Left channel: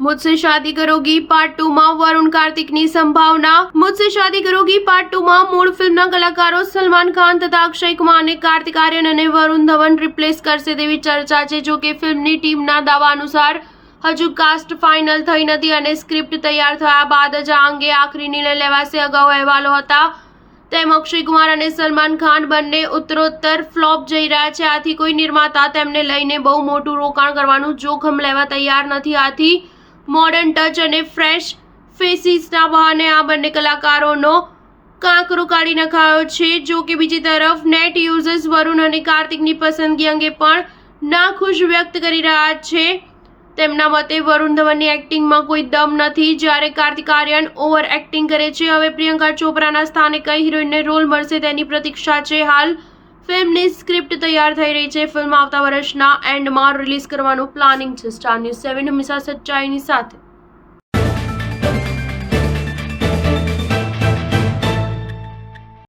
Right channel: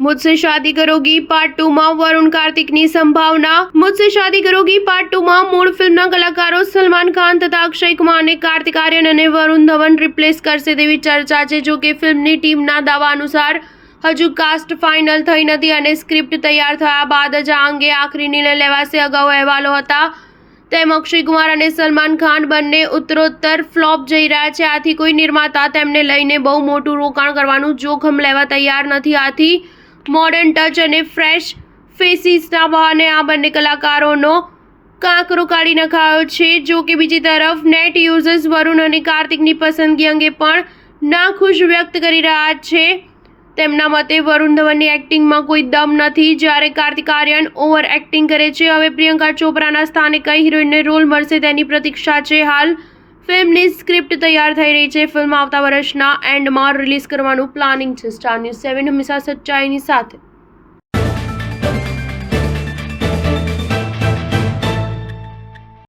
मुझसे शादी करोगी पार्ट 2 માં વરુણ કાર્તિકની સંભાવના। મુझसे शादी करोगी પાર્ટ 2 માં મૂળ ફિલ્મના કલાકારો સલમાન ખાન તથા અક્ષય કુમારને કાર્તિક આર્યન અને વરુણ ધવન રિપ્લેસ કરશે તેવી ચર્ચા છે। જો કે ફિલ્મની ટીમના દાવા અનુસાર હજુ કાસ્ટ ફાઇનલ થઈ નથી અને સ્ક્રિપ્ટ તૈયાર થયા બાદ જ આ અંગે આખરી નિર્ણય લેવાશે। અગાઉ અહેવાલો હતા તેમ અક્ષય કુમાર અને સલમાન ખાન બંને ઉત્તરોત્તર ફ્લોપ જઈ રહ્યા છે। આથી કોઈ નિર્માતા તેમને લઈને બહુ મોટું રોકાણ કરવાનું જોખમ લેવા તૈયાર નથી। આથી મોડર્ન ટચ અને ફ્રેશ ફેસીસના બહાને આ બંને કલાકારોનો કાંકરો કાઢી નખાયો છે। જો કે બીજી તરફ નેટ યુઝર્સ વરુણ અને કાર્તિકની પસંદગી અંગે પણ નાખુશ વ્યક્ત કરી રહ્યા છે। તેમના મતે વરુણ ધવનની એક્ટિંગમાં કોઈ દમ નથી જ્યારે કાર્તિક આર્યન ઓવર એક્ટિંગ કરે છે। હવે પ્રિયંકા ચોપરાના સ્થાને કઈ હિરોઈનને રોલ મળશે તેની પ્રતીક્ષા છે। હાલ ફિલ્મની સ્ક્રિપ્ટ તૈયાર થઈ રહી છે। ફિલ્મ આવતા વર્ષના એન્ડમાં રિલીઝ કરવાનું પ્લાનિંગ છે। સ્ટાર ન્યૂઝ 7 હંમેશા સચ્ચાઈની સાથે।